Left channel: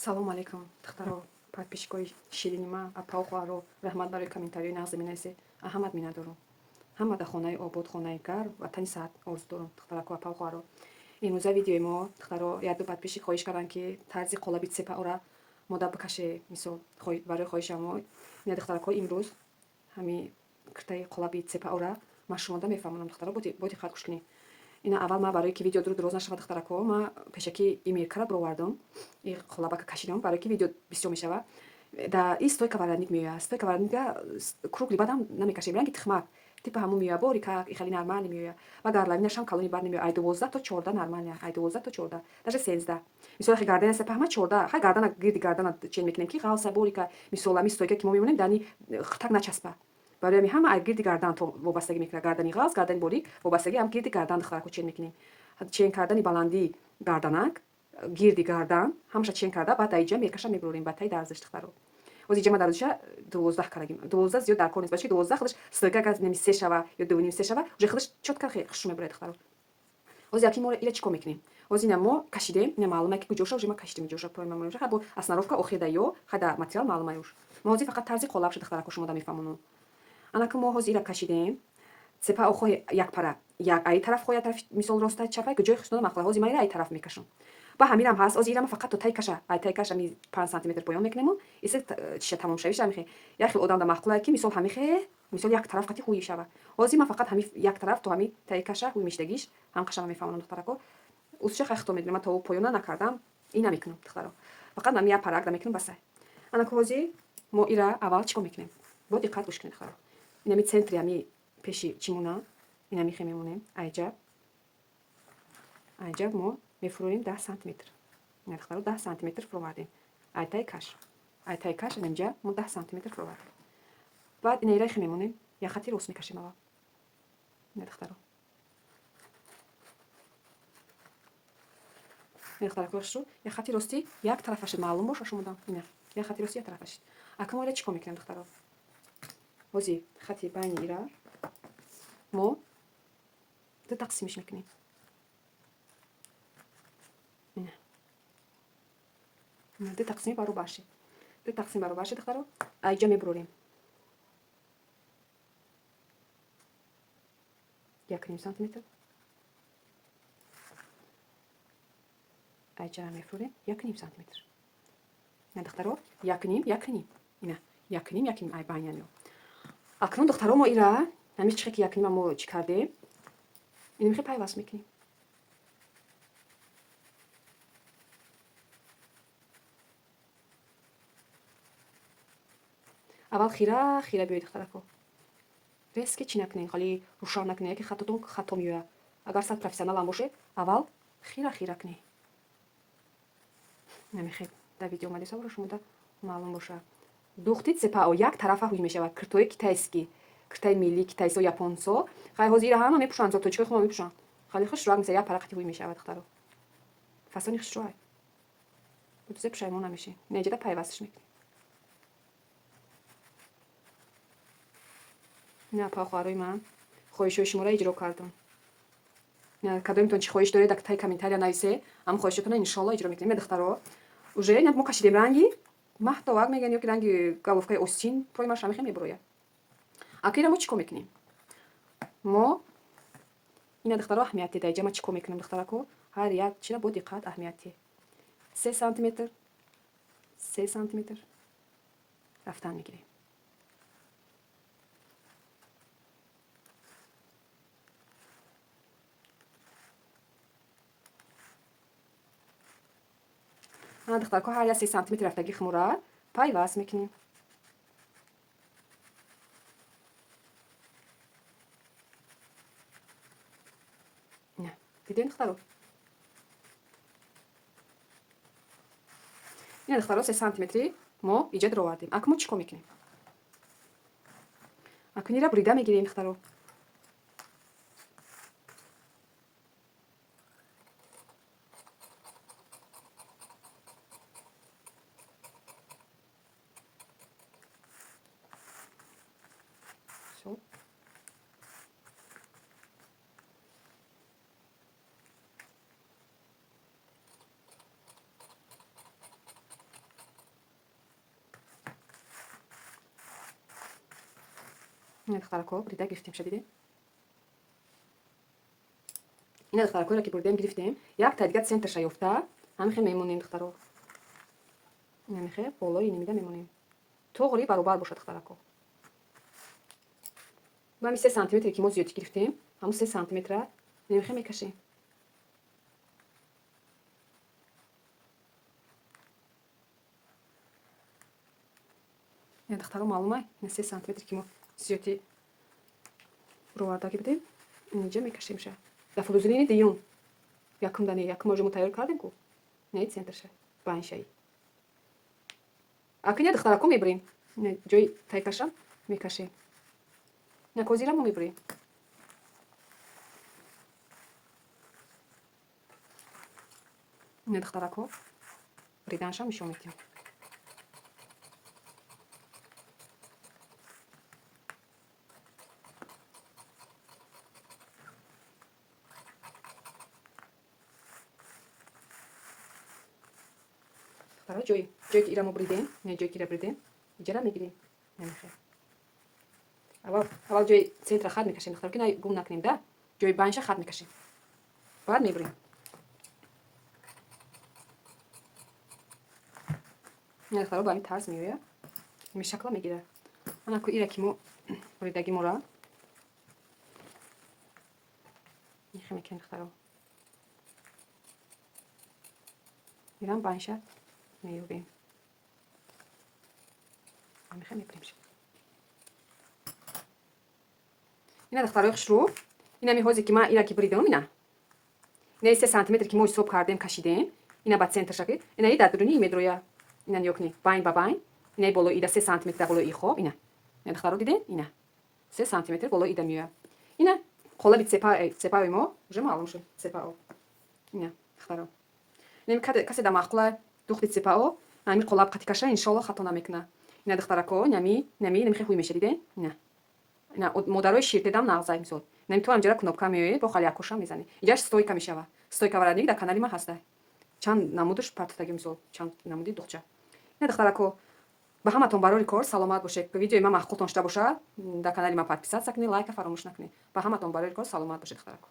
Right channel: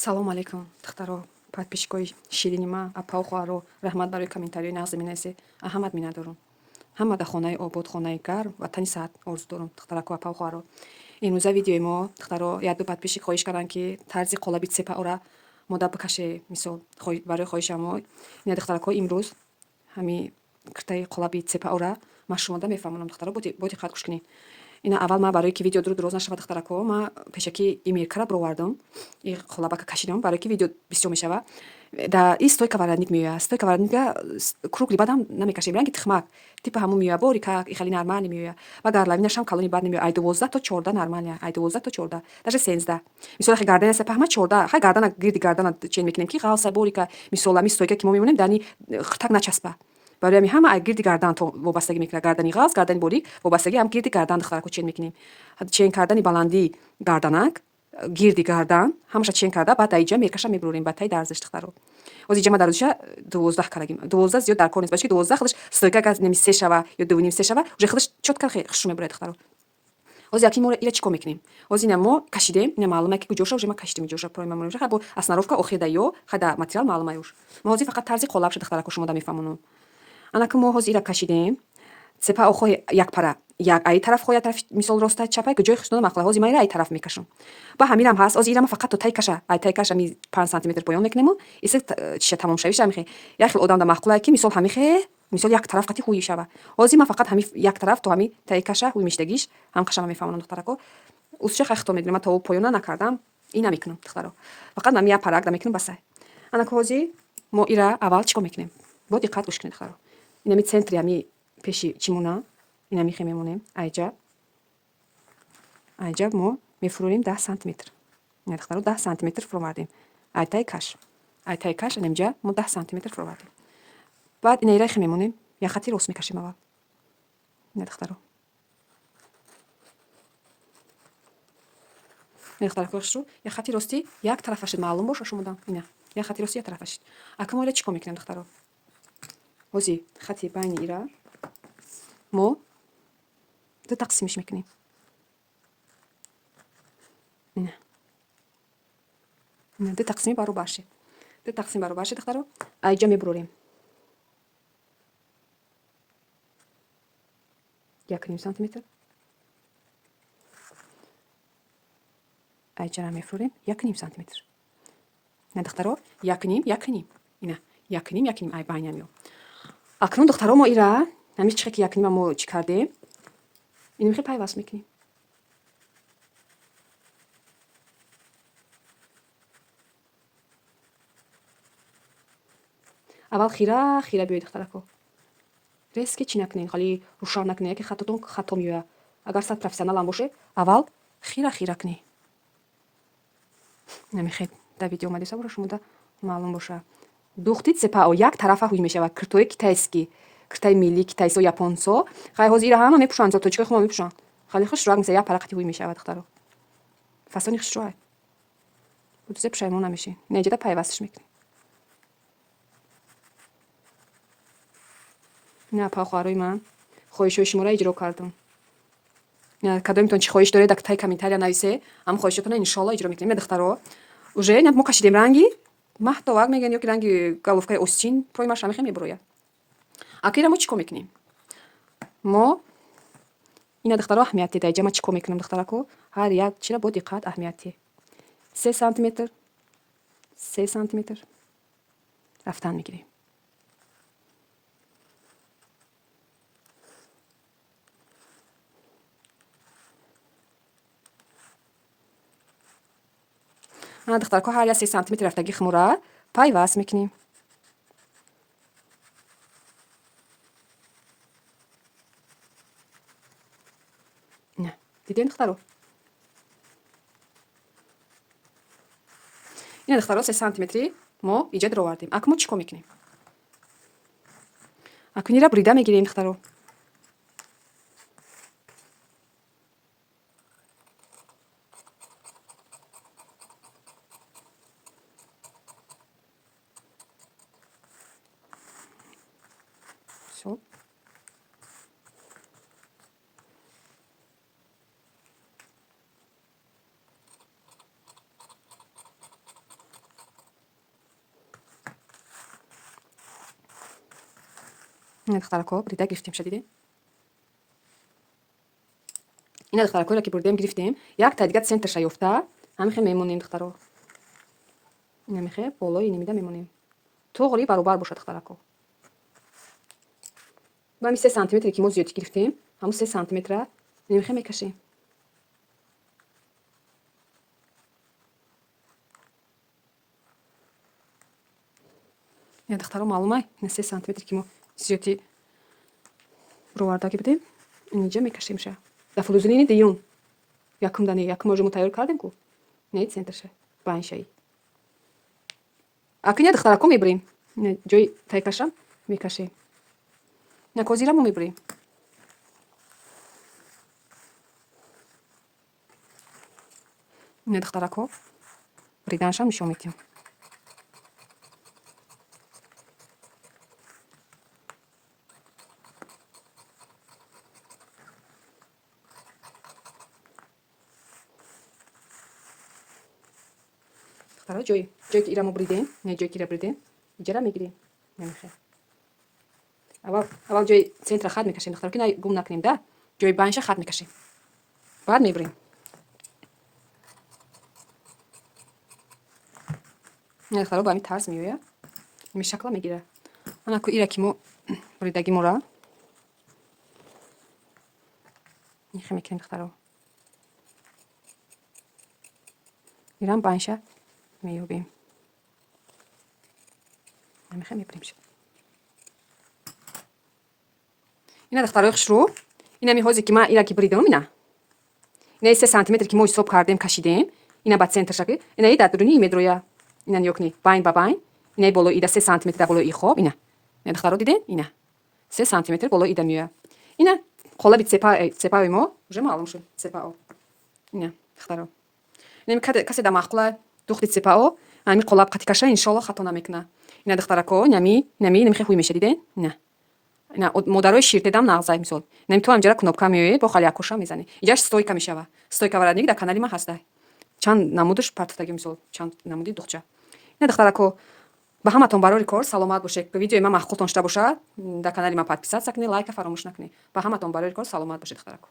Салому алейкум, духтаро, подписчикои ширини ма, апау хоҳаро, раҳмат барои комментариёи нағзи менависед. Аҳамат миннатдорум. Ҳама дар хонаи обод, хонаи гарм, ватани саҳат орзу дорум, духтараку апау хоҳаро. Имрӯза видеои мо, духтаро, як ду подписчик хоҳиш карданд ки тарзи қолаби цепаъора мода бикаше, мисол барои хоҳишам мо. Ина духтарако, имрӯз ҳами киртаи қолаби цепаъора ман шумода мефаҳмонам, духтаро, бо диққат гӯш кунед. Ина аввал ма барои ки видео дуруз нашавад, духтарако, ма пешаки и меркара бировардам, и қолабака кашидам барои ки видео бисёр мешава. Да и стойка варадник меояд. Стойка варадника кругли бадам намекашем, ранги тихмак типа ҳамун меояд, бори как и хали нормални меояд. Ва гарлавинашам калони бад немеояд. Ай 12 то 14 нормалия, ай 12 то 14, даже 13. Мисол хай гардана се паҳма 14, хай гардана гирди гардана чен мекунем ки ғалса бори ка мисол ами стойка ки мо мемонем дани хтак начаспа. барои ҳами ҳама ай гирди гардан то вобастагӣ мекунад. Гардани ғалз, гардани борик вобастагӣ ҳам гирди гардан духтарако чен мекунем. Чен кардани баландии гарданак, гирди гардан ҳамаша чен карда, баъд айҷа меркаша мебурорем ба таи дарзиш, духтаро. ҳозир ҷама дарзиша 12 карагим. 12 зиёд дар кор нест, бачки 12 худаш стойка аз неми 3 шава ё 2.5 3 шава, уже худаш чотка хушрӯ мебурад, духтаро. ҳозир акин мо ира чӣ кор мекунем? ҳозир ина мо кашидем, ина маълума ки куҷоша уже ма кашидем ҷоша прои ма монем. Хай бо основка охида ё хай да материал маълума ёш. Мо ҳозир фақат тарзи қолаб шуд, духтарако, шумо да мефаҳмонам. Анаку мо ҳозир ира кашидем. Цепа охои якпара, як ай тараф хо, як тараф мисол роста чапай ки ҷои хушдона мақла. ҳозир ма ира ай тараф мекашам. Ба ҳамирам ҳаст. ҳозир ира ма фақат то тай каша, ай тай каша ми 5 сантиметр поён мекунем. Исе чиша тамом шавиша мехе. Як хел одам да мақлае ки мисол ҳамихе, мисол як тараф қати ҳуи шава. ҳозир ма фақат ҳами як тараф то ҳами таи каша ҳуи миштагиш ҳам каша ма мефаҳмонам, духтарако. Усша хай хито медунем, ма то поёна накардам, ина мекунам, духтаро. Фақат ма я парак да мекунам ба сай. Анаку ҳозир мо ира аввал чӣ кор мекунем? Бо диққат гӯш кунед, духтаро. Инами центри ами пеши чимуна ина михе мемонем. айҷа мо мефурӯрем 10 сантиметр. Ина духтаро 10 сантиметр фуровардем. Айтай каш инамҷа мо 10 сантиметр фуровардем. Баъд ина ира хе мемонем. Як хати рост мекашем аввал. Ина духтаро. Ина духтаро кӯшрӯ як хати рости як тарафашид маълум боша шумода. Ина як хати рости як тарафашид. Ака мо ира чӣ кор мекунем, духтаро? ҳозир хати байни ира мо ду тақсимиш мекунем. ина ду тақсими баробарши. Ду тақсими баробарши, духтаро. Айҷа мебурорем. 1 сантиметр. айҷара мефурӯрем 1 сантиметр. ина духтаро 1 ина 1 ай байнам ё. Акнун, духтаро, мо ира ҳамин чихе ки 1 мо чӣ кардем, ин мехе пайваст мекунем. аввал хира биёед, духтарако. Резки чӣ накунед, хали рӯшан накунед, яке хатотон хато меояд. Агар сад профессионалам бошед, аввал хира кунед. намехед дар видео омадеса бора шумо да маълум боша. духти цепаъо як тарафа ҳуй мешавад. киртои китайский, киртаи милли китайсо, японсо, хай ҳозир ира ҳама мепӯшанд, зоточкаи худ мепӯшанд. хали хушрӯ меса як парақати ҳуй мешавад, духтаро. фасони хушрӯ будузе пушаймон намешӣ. неҷада пайвастиш мекунӣ. ина апа хоҳарои ман хоҳишҳои шуморо иҷро кардам. ина кадомитон чӣ хоҳиш доред, дар таи комментария нависе, ҳам хоҳишотона иншоалло иҷро мекунем. ина духтаро уже ина мо кашидем ранги маҳтовак мегӯянд ё ки ранги головкаи осчин прои ма шамихе мебурояд. ака ира мо чӣ кор мекунем? мо ина духтаро аҳамияти дайҷа ма чӣ кор мекунам, духтарако? ҳар як чира бо диққат аҳамияти 3 сантиметр рафтан мегирем. ана духтарако ҳар як 3 сантиметр рафтаги хмура пайваст мекунем. ина дидем, духтаро? ина духтаро 3 сантиметри мо иҷа даровардем. ака мо чӣ кор мекунем? ака ира бурида мегирем, духтаро. ина духтарако брида гирифтем шадиде. ина духтаракоро ки бурдем гирифтем, як тайдига центрша ёфта ҳамихе мемонем духтаро. ина мехе болои инамида мемонем. тоғри баробар бошад духтарако. ба ҳамин 3 сантиметре ки мо зиёдӣ гирифтем, ҳамун 3 сантиметра мемихе мекашем. духтаро маълума 3 сантиметре ки мо зиёдӣ ровардагӣ будем, инҷа мекашем ша. Да фулузилини дуюм якум дане якум оҷо мо тайёр кардем ку. Не центрша баншаи. Акиня духтарако мебурем. ҷои тайкашам мекашем. ина козира мо мебурем. ина духтарако бриданшам нишон медиҳам. ҷои ки ира мо буридем, не ҷои ки ира буридем, иҷара мегирем. Намехе. аввал ҷои центра хат мекашем духтаро, ки на гум накунем да. ҷои банша хат мекашем. Баъд мебурем. ина духтаро ба ҳамин тарз меояд. ҳамин шакла мегирад. ана ку ира ки мо буридагимора мехе мекунем духтаро. ирам банша меёбем. намехе мебурем шо. ина духтарои хушрӯ, инами ҳозе ки ман ира ки буридам, ина 3 сантиметре ки мо ҳисоб кардем кашидем, ина ба центрша ки инаи дар дуруни медроя. ина нигоҳ кунед, байн ба байн, инаи болои ида 3 сантиметр дар болои хоб, ина духтаро дидем, ина 3 сантиметр болои ида меояд. ина қолаби цепаи мо уже маълум шуд. цепао ина духтаро, ина касе да махқула духти цепао ами қолаб қати каша иншолло хато намекуна. ина духтарако нами намехе хуй меша диден. ина модарои ширтедам нағзай мисол. Нами ту ҳамҷара кнопка меояд бо хали якоша мезанӣ. Иҷаш стойка мешава. Стойка варадник дар канали ман ҳастай. Чанд намудаш партофтаги мисол, чанд намуди духча. ина духтарако ба ҳаматон барори кор саломат бошед. Видеои ман махқултон шуда бошад, дар канали ман подписатсия кунед, лайка фаромӯш накунед. Ба ҳаматон барори кор саломат бошед духтарако.